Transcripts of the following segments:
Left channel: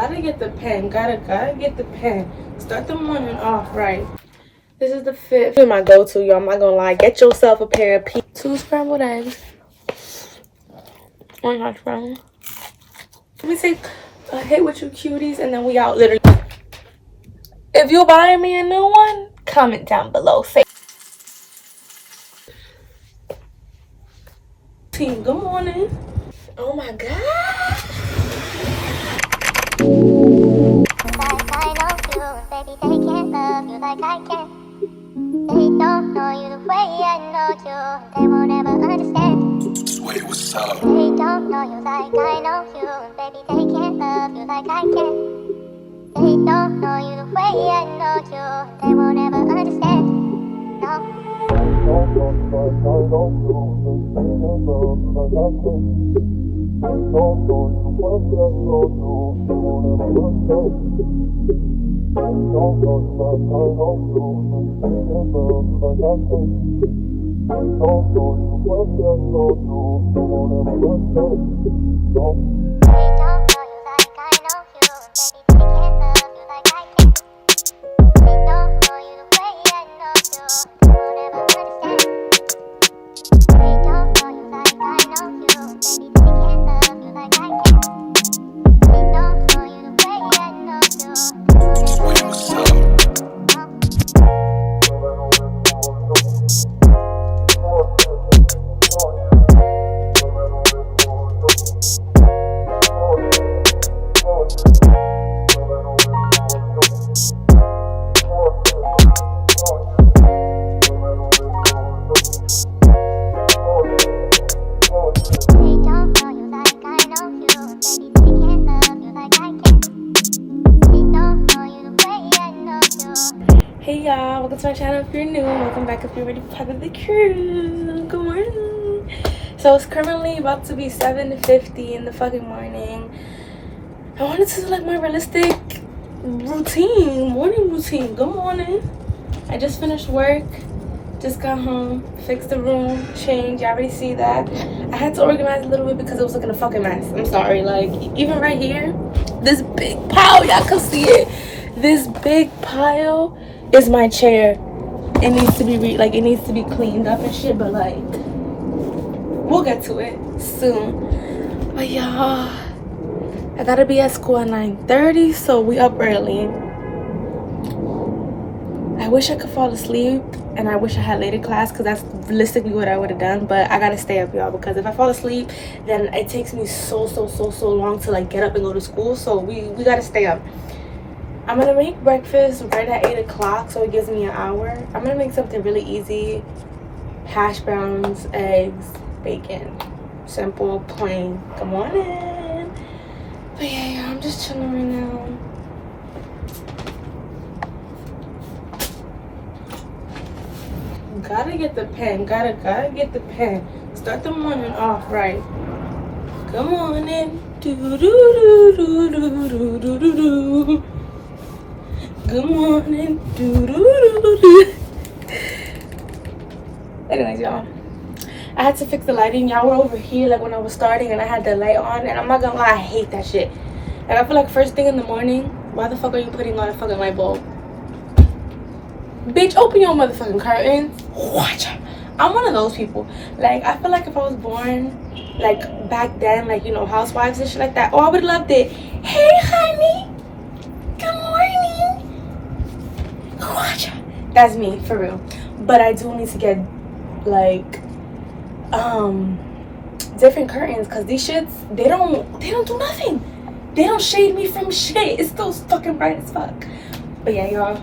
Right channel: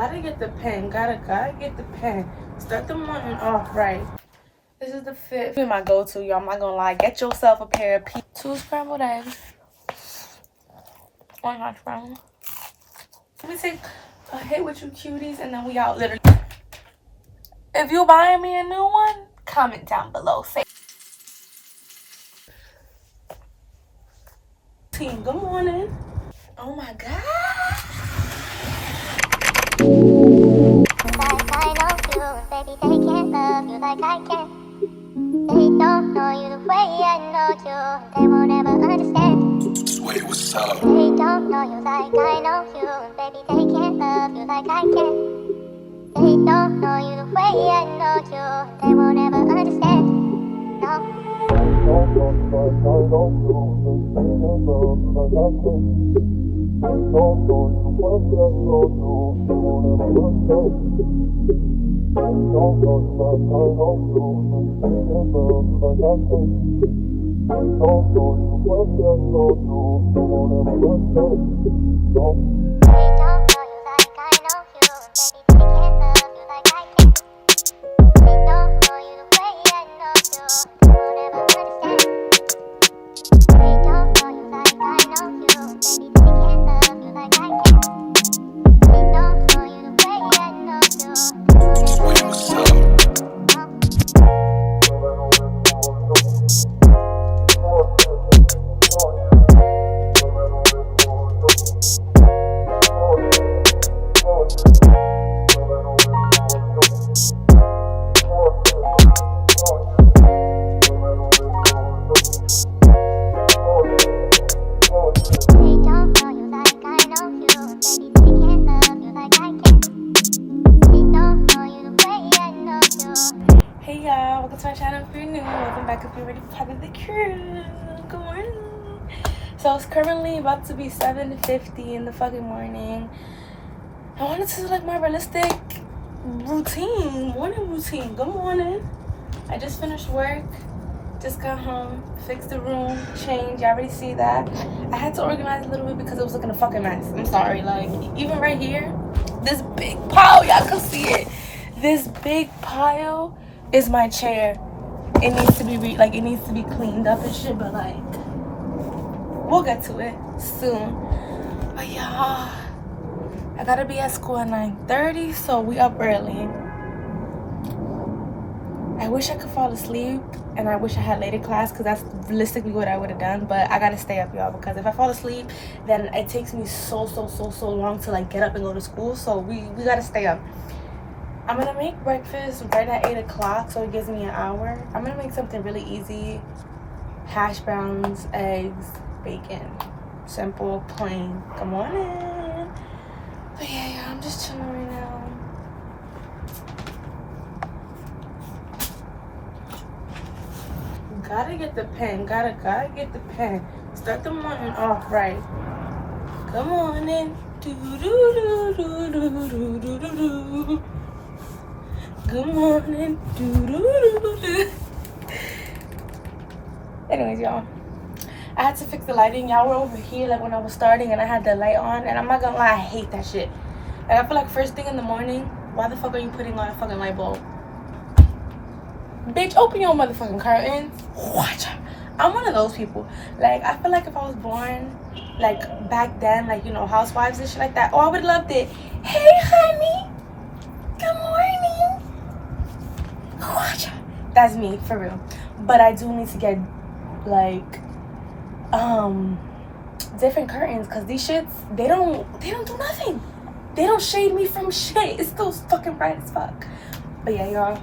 Gotta get the pen. Gotta get the pen. Start the morning off right. This is the fit. This is my go-to, y'all. I'm not gonna lie. Get yourself a pair of 2 scrambled eggs. 1 hash brown. Let me take a hit with you cuties and then we out literally. If you're buying me a new one, comment down below. Say team, good morning. Oh my god. Like I know you, baby, they can't love you like I can. They don't know you the way I know you. They won't ever understand. Wait, what's up? They don't know you like I know you, baby, they can't love you like I can. They don't know you the way I know you. They won't ever understand. No. Hey y'all, welcome to my channel if you're new. Welcome back if you're ready for part of the crew. Good morning. So it's currently about to be 7:50 in the fucking morning. I wanted to do like my realistic morning routine. Good morning. I just finished work, just got home, fixed the room, changed. You already see that. I had to organize a little bit because it was looking a fucking mess. I'm sorry. Like even right here, this big pile, y'all can see it. This big pile is my chair. It needs to be it needs to be cleaned up and shit, but like we'll get to it soon. But y'all, I gotta be at school at 9:30, so we up early. I wish I could fall asleep and I wish I had later class because that's realistically what I would have done, but I gotta stay up, y'all, because if I fall asleep then it takes me so long to like get up and go to school, so we gotta stay up. I'm gonna make breakfast right at 8 o'clock, so it gives me an hour. I'm gonna make something really easy. Hash browns, eggs, bacon. Simple, plain. Good morning. But yeah, I'm just chilling right now. Gotta get the pen. Gotta get the pen. Start the morning off right. Good morning. Do-do-do-do-do-do-do-do. Good morning. Anyways, y'all, I had to fix the lighting. Y'all were over here like when I was starting and I had the light on, and I'm not gonna lie, I hate that shit. Like I feel like first thing in the morning, why the fuck are you putting on a fucking light bulb? Bitch, open your motherfucking curtains. Watch out. I'm one of those people. Like I feel like if I was born like back then, like, you know, housewives and shit like that, oh, I would have loved it. Hey honey, good morning. Watch out. That's me for real. But I do need to get like different curtains, because these shits, they don't do nothing. They don't shade me from shit. It's still fucking bright as fuck. But yeah, y'all,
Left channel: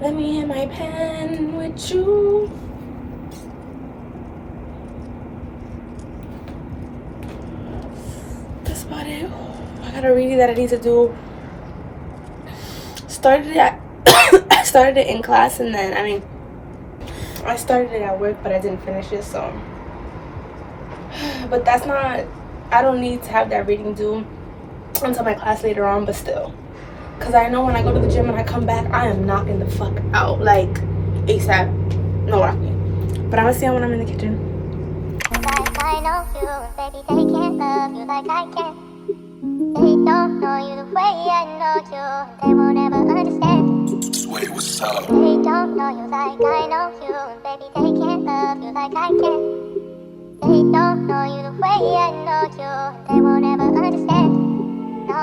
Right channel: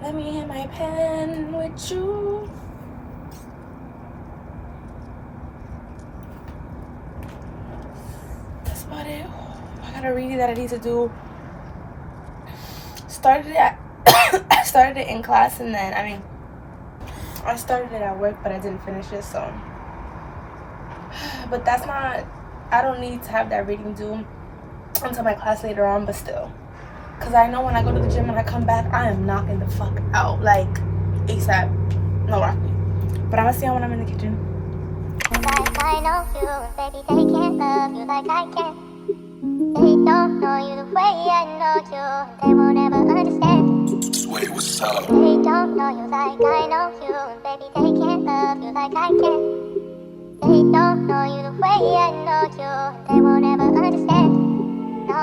let me hit my pen with you. That's about it. I got a reading that I need to do. Started it in class, and then I started it at work, but I didn't finish it, so. But that's not, I don't need to have that reading due until my class later on, but still. Because I know when I go to the gym and I come back, I am knocking the fuck out, like ASAP. No rocking. But I'm gonna see you when I'm in the kitchen. Like I know you, baby, they can't love you like I can. They don't know you the way I They don't know you like I know you, and baby, they can't love you like I can. They don't know you the way I know you, and they won't ever understand. No.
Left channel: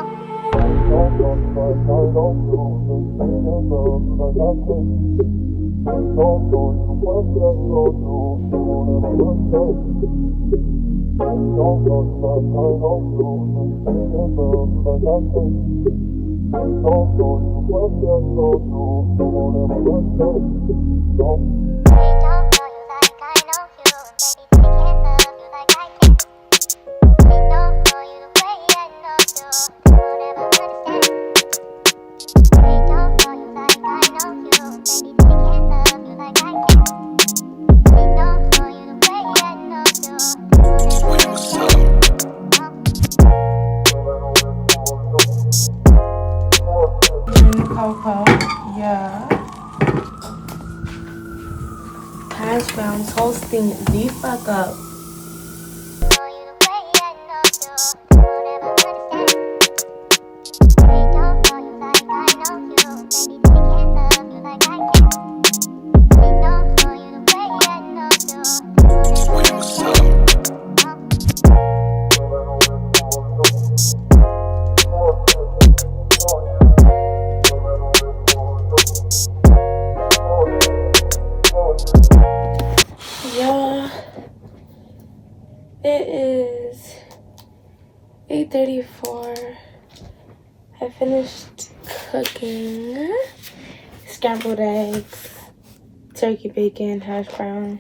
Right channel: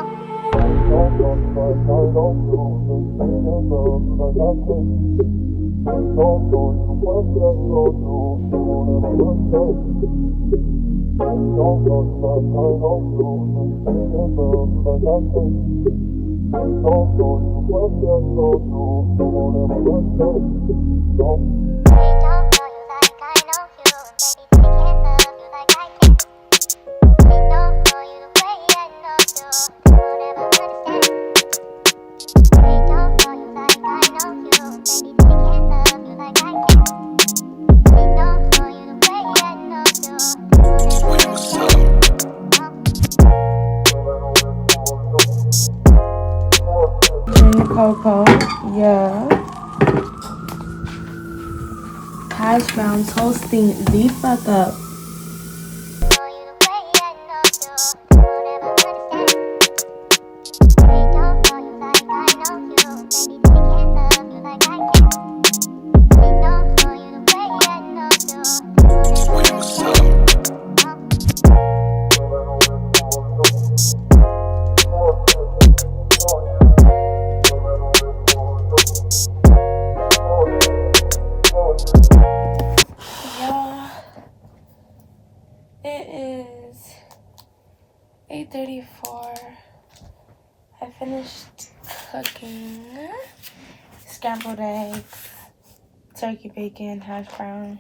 Coco, yeah. Hash browns hosting the fuck up. Yeah, it is 8:34. I finished cooking scrambled eggs, turkey bacon, hash brown.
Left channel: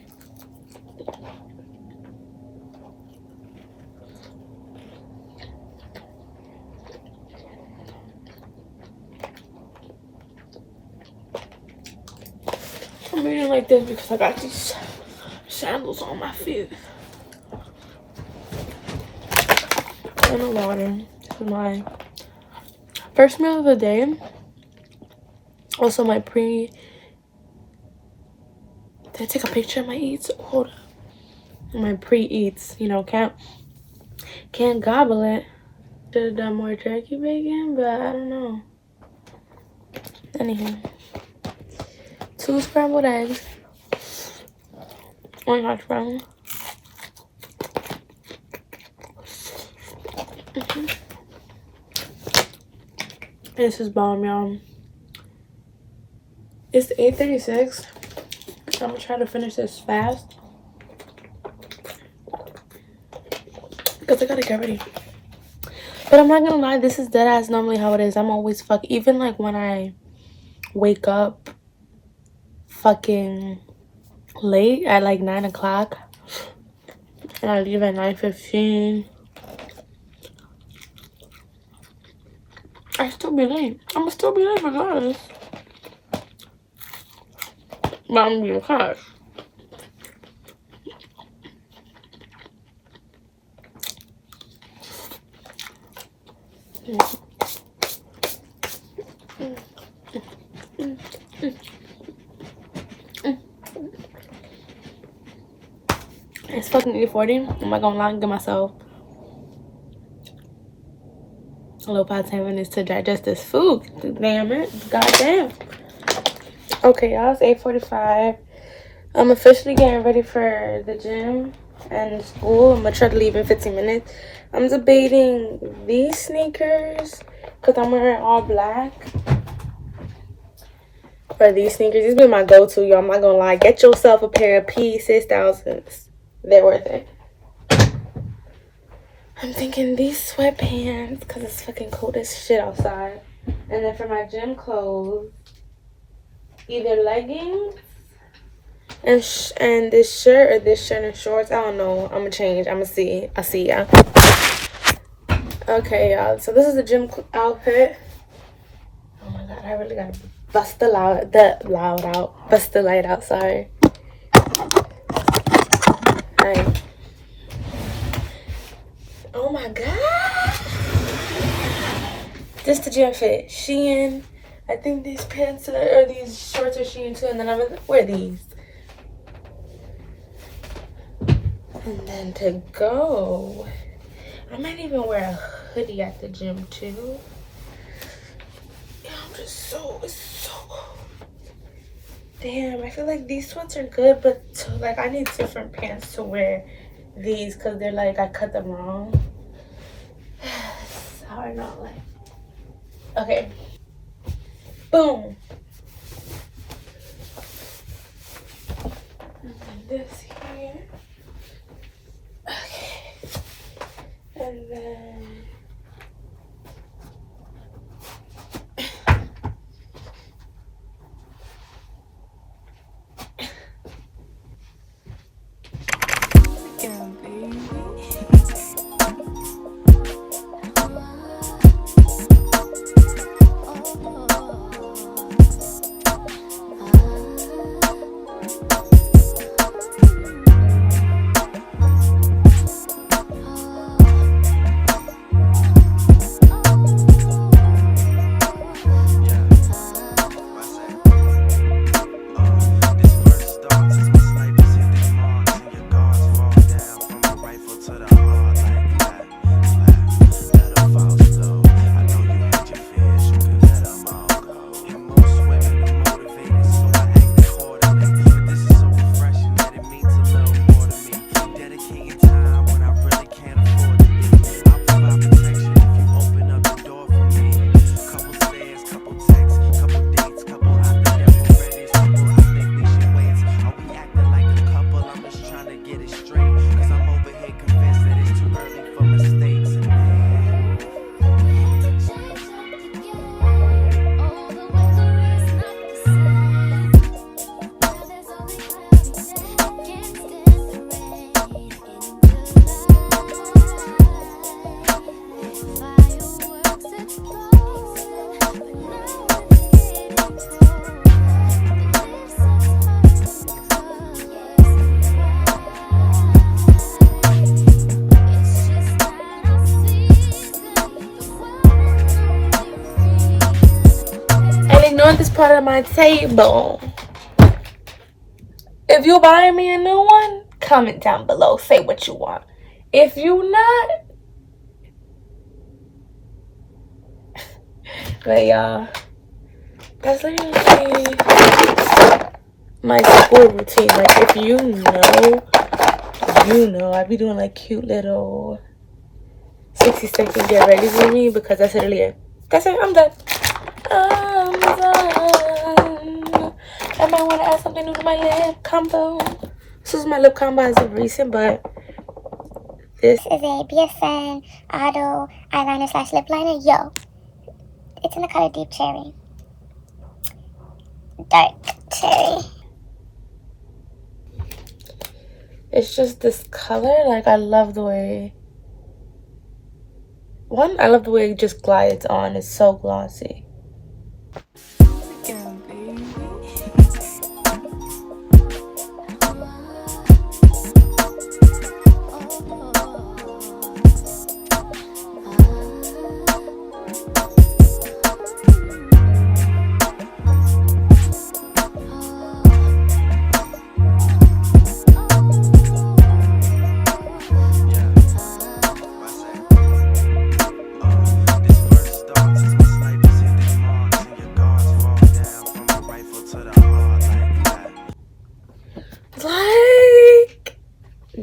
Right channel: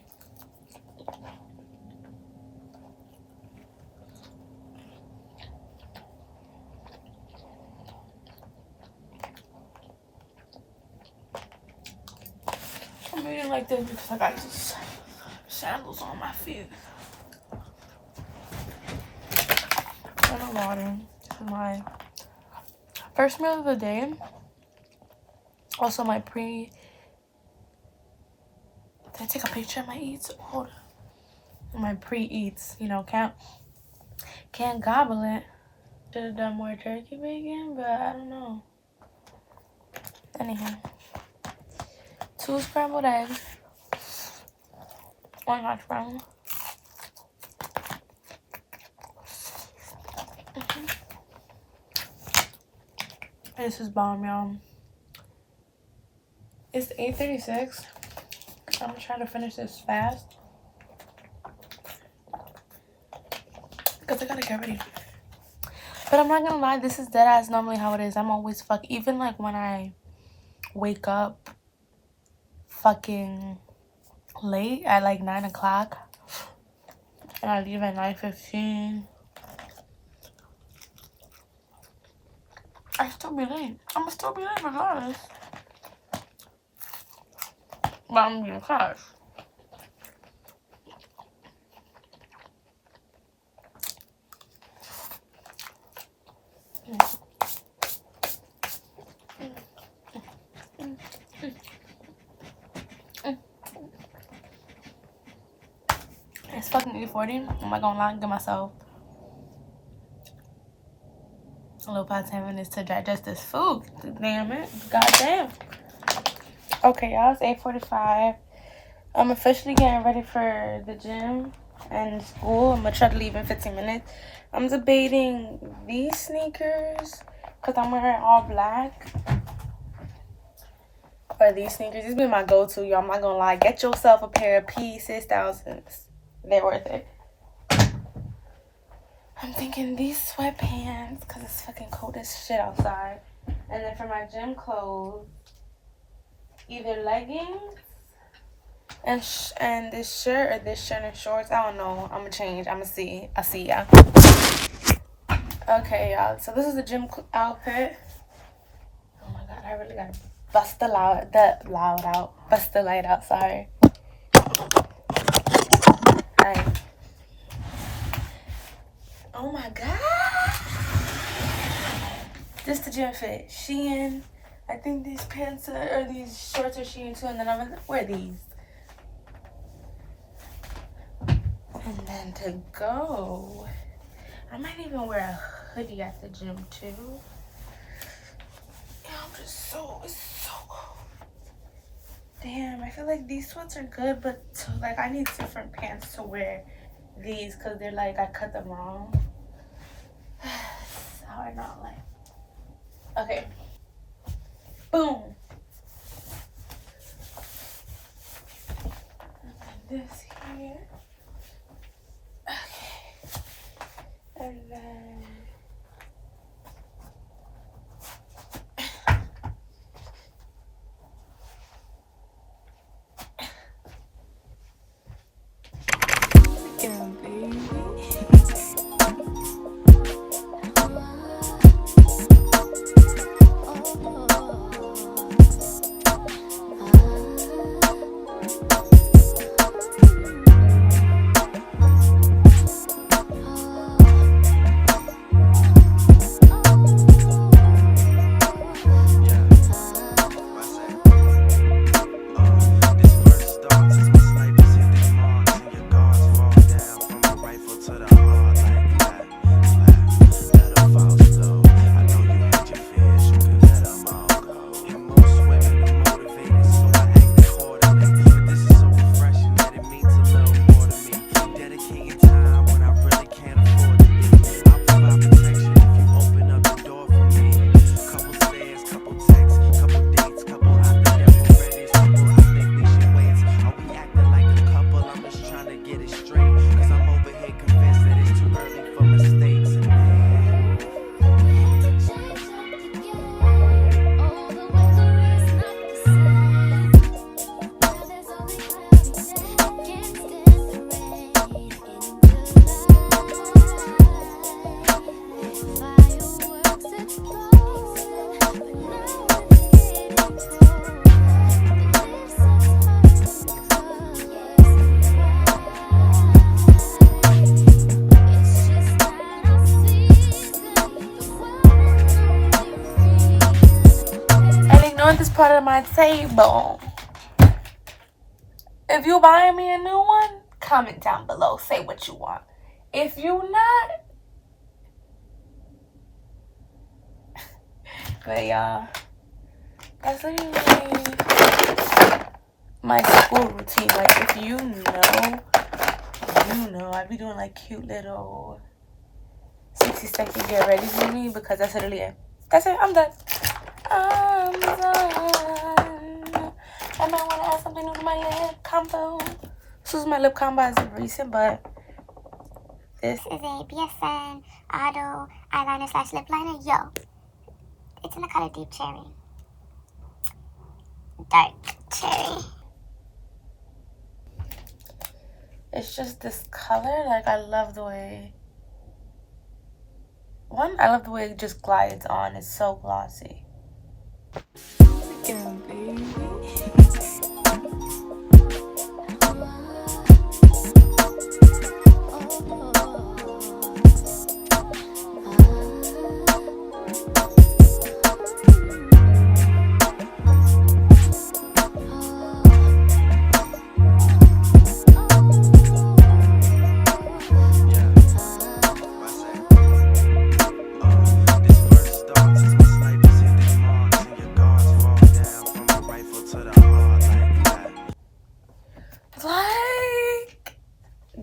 I'm eating like this because I got these sandals on my feet. And a water. This is my first meal of the day. Also my Did I take a picture of my eats? Hold up. My pre-eats, you know, can't gobble it. Should have done more turkey bacon, but I don't know. Anywho, 2 scrambled eggs, 1 hash brown. This is bomb, y'all. It's 8:36. I'm gonna try to finish this fast because I gotta get ready. But I'm not gonna lie, this is dead ass normally how it is. I'm always even like when I wake up fucking late at like 9 o'clock and I leave at 9:15. I still be late. I'm gonna still be late regardless. But I'm gonna be in class. It's fucking 8:40. I'm not gonna lie and give myself a little past 10 minutes to digest this food. Damn it. Goddamn. Okay, y'all, it's 8:45. I'm officially getting ready for the gym and school. I'm gonna try to leave in 15 minutes. I'm debating these sneakers because I'm wearing all black. Or these sneakers. These been my go-to, y'all. I'm not gonna lie. Get yourself a pair of P6000s. They're worth it. I'm thinking these sweatpants because it's fucking cold as shit outside. And then for my gym clothes, either leggings and this shirt or this shirt and shorts. I don't know. I'm gonna change. I'm gonna see. I'll see y'all. Okay, y'all. So this is the gym outfit. Oh my god, I really gotta bust the light out. Sorry. Right. Oh my god. This the gym fit. Shein. I think these pants or these shorts are Shein too. And then I'm gonna wear these. And then to go, I might even wear a hoodie at the gym too. Yeah, it's so cold. Damn, I feel like these sweats are good, but like I need different pants to wear these because they're like I cut them wrong. It's hard not like. Okay. Boom. And then this here. Okay. And then. This part of my table. If you buying me a new one, comment down below. Say what you want. If you not, but y'all, that's literally my school routine. Like if you know, I be doing like cute little 60-second get ready with me because that's literally it. That's it. I'm done. I'm done. I might want to add something new to my lip combo. This is my lip combo as of recent, but this is a BSN Auto eyeliner / lip liner. Yo, it's in the color Deep Cherry. Dark cherry. It's just this color. Like I love the way. I love the way it just glides on. It's so glossy. Yeah, baby.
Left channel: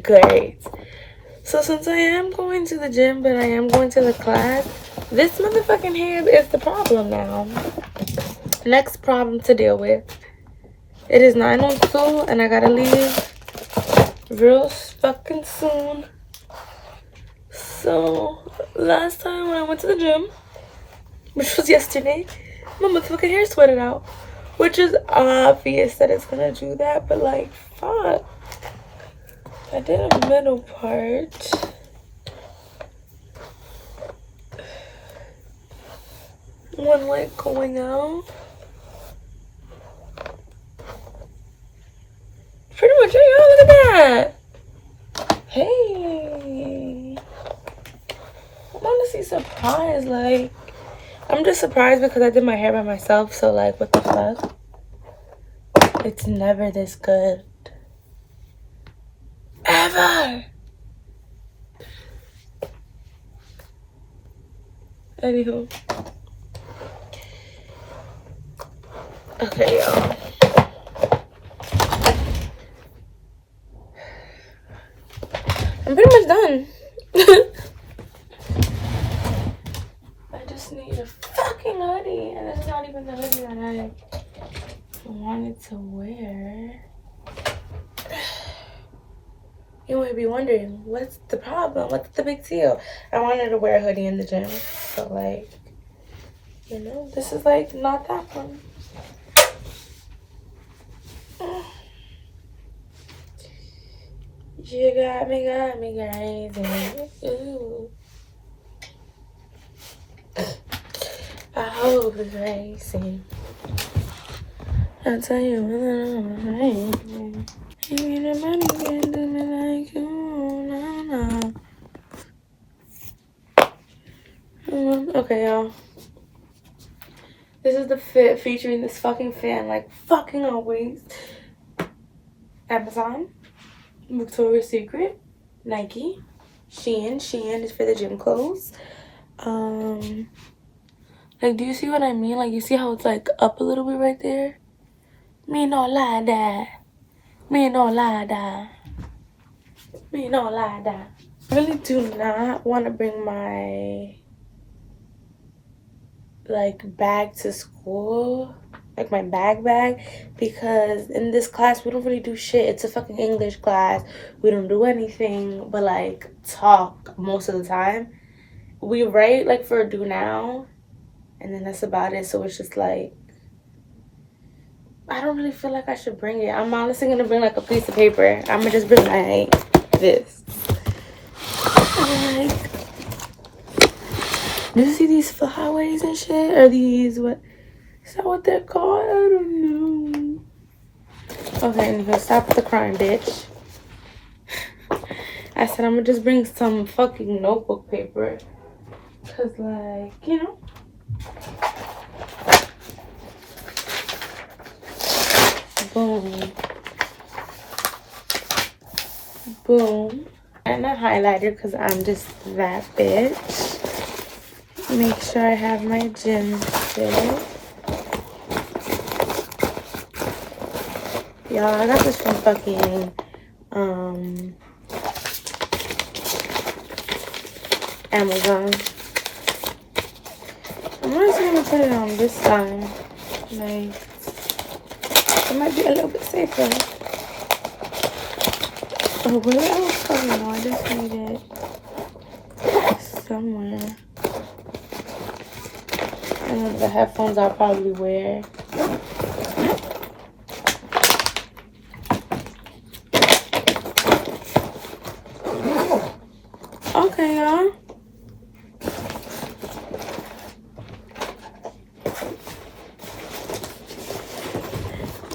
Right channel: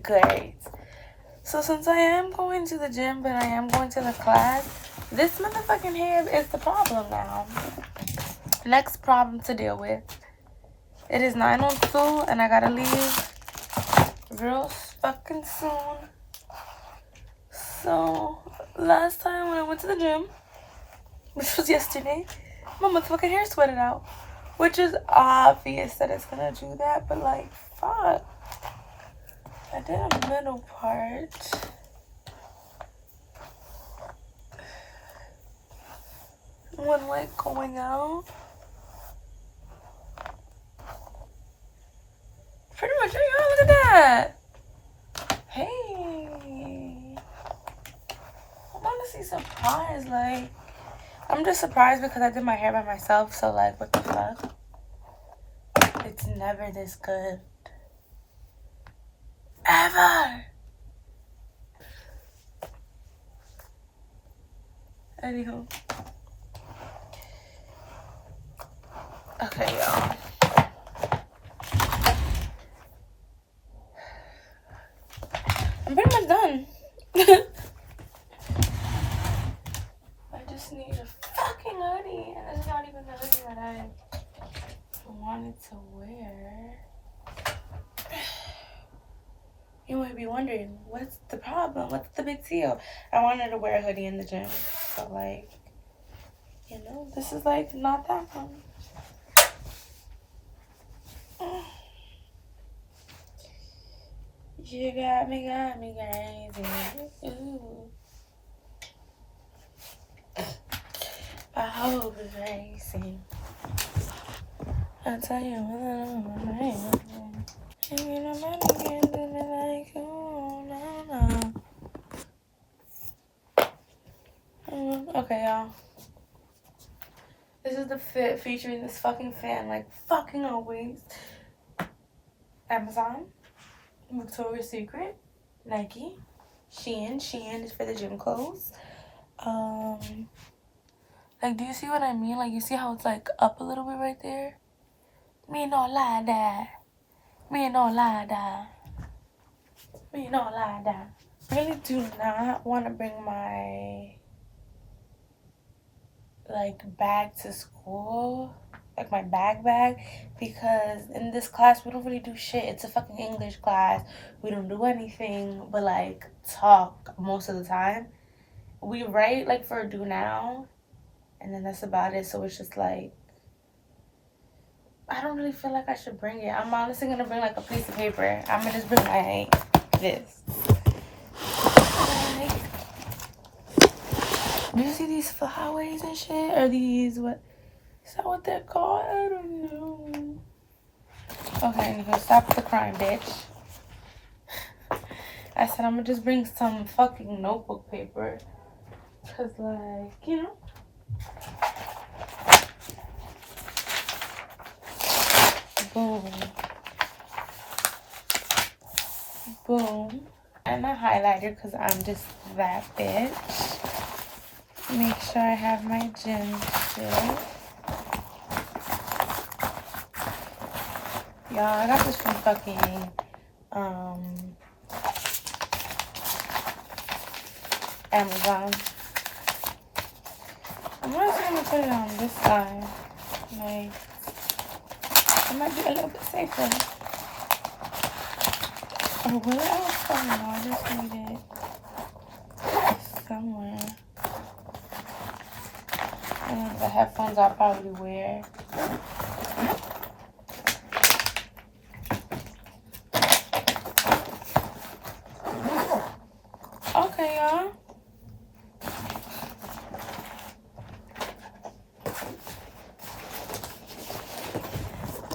Great. So since I am going to the gym, but I am going to the class, this motherfucking hair is the problem now. Next problem to deal with. It is 9:02 and I gotta leave real fucking soon. So last time when I went to the gym, which was yesterday, my motherfucking hair sweated out. Which is obvious that it's gonna do that, but like, fuck. I did a middle part. One leg going out. Pretty much, hey, y'all, look at that. Hey. I'm honestly surprised. Like, I'm just surprised because I did my hair by myself. So, like, what the fuck? It's never this good. Ever. Anywho. Okay, y'all. done. I just need a fucking hoodie, and it's not even the hoodie that I wanted to wear. You might be wondering, what's the problem? What's the big deal? I wanted to wear a hoodie in the gym, so like, you know, this is like not that one. You got me crazy. Ooh. I hope it's crazy. I'll tell you what I'm crazy. You know money can't do me like you, no. Okay, y'all. This is the fit featuring this fucking fan, like fucking always. Amazon, Victoria's Secret, Nike, Shein is for the gym clothes. Like, do you see what I mean? Like, you see how it's like up a little bit right there? Me no lie that. Me no lie that. Me no lie that. I really do not want to bring my like bag to school, like my bag, because in this class we don't really do shit. It's a fucking English class. We don't do anything but like talk most of the time. We write like for a do now, and then that's about it. So it's just like, I don't really feel like I should bring it. I'm honestly gonna bring like a piece of paper. I'm gonna just bring like this. Like, do you see these flyaways and shit? Or these, what is that what they're called? I don't know. Okay, anyway, stop the crying, bitch. I said I'm gonna just bring some fucking notebook paper. Cause like, you know. Boom. Boom. And a highlighter because I'm just that bitch. Make sure I have my gym shit. Y'all, I got this from fucking Amazon. I'm not gonna put it on this side. Like, it might be a little bit safer. Oh, where else? Oh no, I just need it somewhere. And the headphones I'll probably wear. Okay, y'all.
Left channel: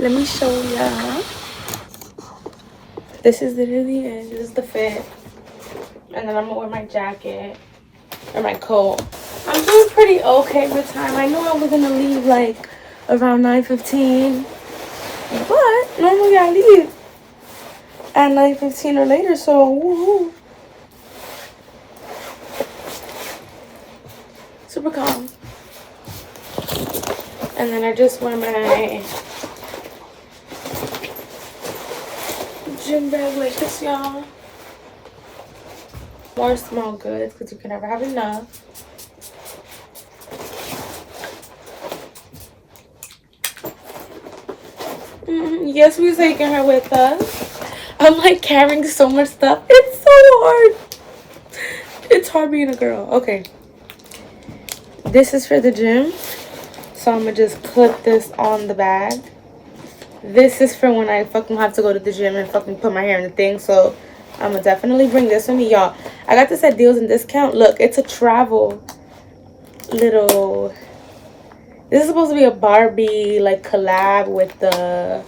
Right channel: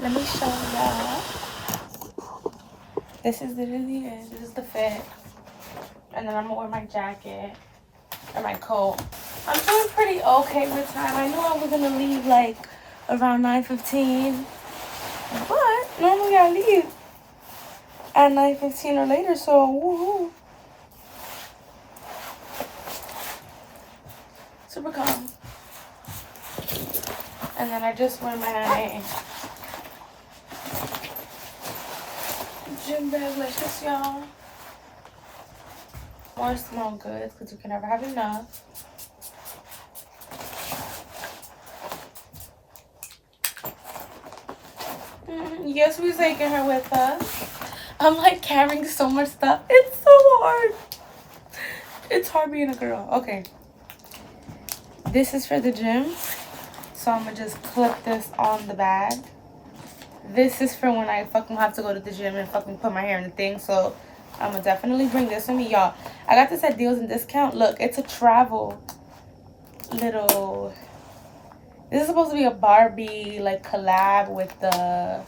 Let me show y'all. This is literally it. This is the fit. And then I'm gonna wear my jacket or my coat. I'm doing pretty okay with time. I knew I was gonna leave like around 9:15, but normally I leave at 9:15 or later, so woohoo. Super calm. And then I just wear my gym bag like this, y'all. More small goods, because you can never have enough. Yes, we're taking her with us. I'm like carrying so much stuff. It's so hard. It's hard being a girl. Okay. This is for the gym. So I'm gonna just clip this on the bag. This is for when I fucking have to go to the gym and fucking put my hair in the thing. So I'm gonna definitely bring this with me, y'all. I got this at Deals and Discount. Look, it's a travel little... This is supposed to be a Barbie like collab with the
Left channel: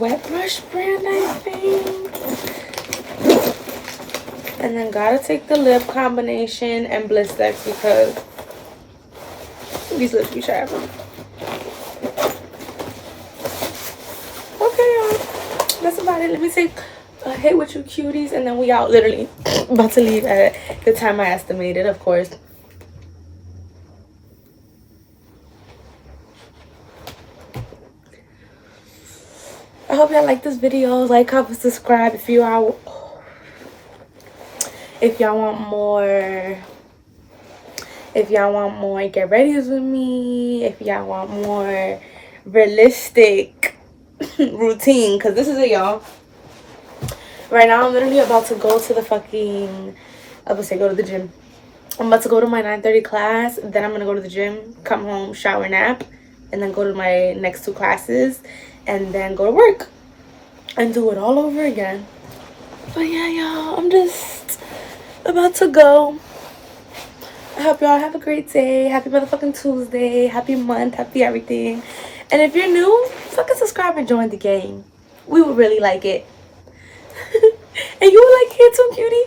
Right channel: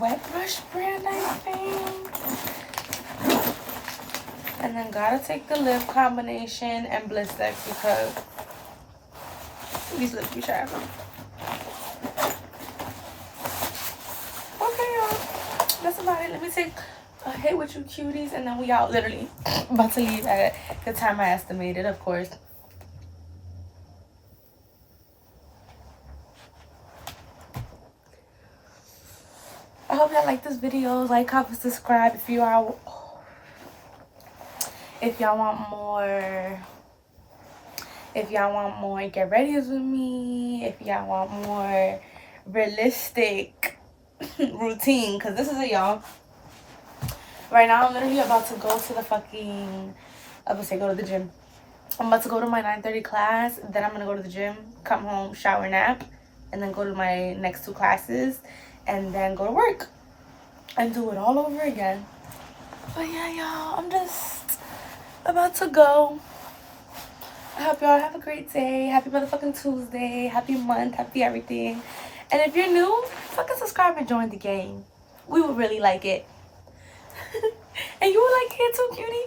Wet Brush brand, I think. And then gotta take the lip combination and Blistex because these lips be sharp. Okay, y'all. That's about it. Let me take a hit with you cuties and then we out. Literally about to leave at the time I estimated, of course. I hope y'all like this video. Like, comment, subscribe if you are If y'all want more get readies with me, if y'all want more realistic routine, because this is it, y'all. Right now I'm literally about to go to the fucking, I would say go to the gym. I'm about to go to my 9:30 class, then I'm gonna go to the gym, come home, shower, nap, and then go to my next 2 classes, and then go to work and do it all over again. But yeah, y'all, I'm just about to go. I hope y'all have a great day. Happy motherfucking Tuesday. Happy month. Happy everything. And if you're new, fucking subscribe and join the game. We would really like it. And you would like it too, cutie.